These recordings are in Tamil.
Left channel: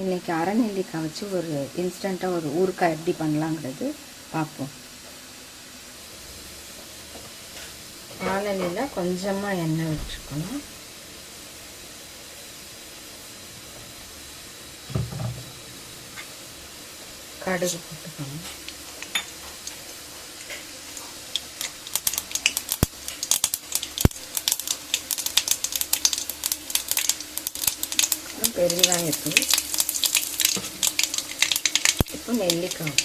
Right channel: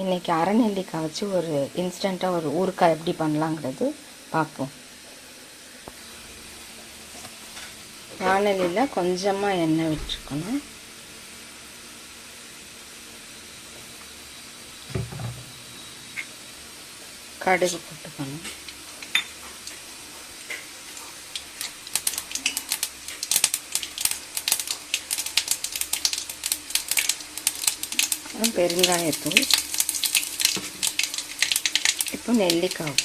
இன்றைக்கி அரை நெல்லிக்காய் வச்சு ஒரு இன்ஸ்டண்ட்டாக ஒரு ஊறுகாய் எப்படி பண்ணலாங்கிறது பார்ப்போம். வானலியில் கொஞ்சமாக எண்ணெய் விட்டுருக்கணும். கடுகு போட்டுக்கணும். பெருங்காயத்தூள். இப்போ நெல்லிக்காய்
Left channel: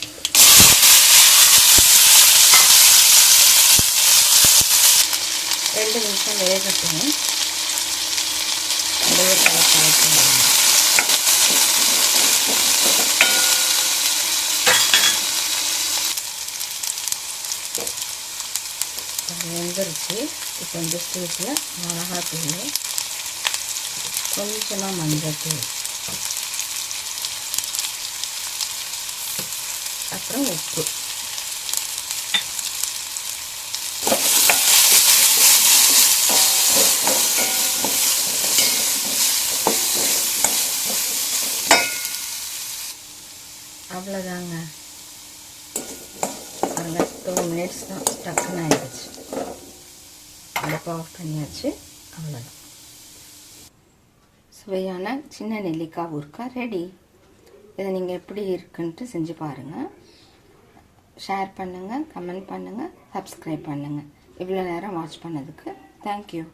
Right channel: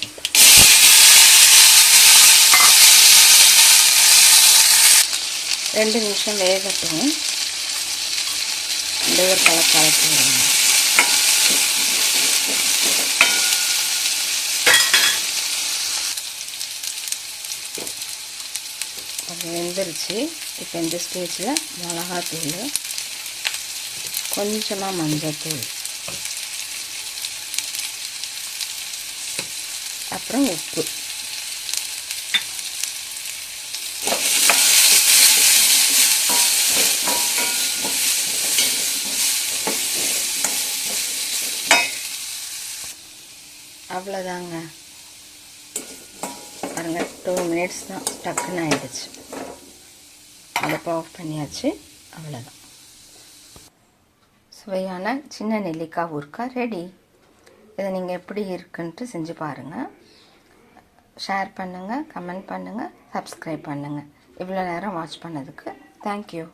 2 நிமிஷம் வேகட்டும். அப்படியே கலப்பாக்கணும். வெந்துருச்சு. இப்போ இந்த ஸ்டேஜில் மிளகாத்தூள், கொஞ்சமாக மஞ்சத்தூள், அப்புறம் உப்பு. அவ்வளோதாங்க. பாருங்க, 2 மினிட்ஸ் தான், டக்குன்னு ஆகிடுச்சு. அடுப்பு ஆஃப் பண்ணியாச்சு. அவ்வளோதான். சுவையான சின்ன நெல்லிக்காய் ஊறுகாய் ரெடி. இதை நீங்கள் எப்படி இருக்குன்ட்டு செஞ்சு பாருங்கள். ஷேர் பண்ணுங்கள், கமெண்ட் பண்ணுங்கள், சப்ஸ்கிரைப் பண்ணுங்கள். இவ்வளோ நேரம் வாட்ச் பண்ணதுக்கு தேங்க்யூ.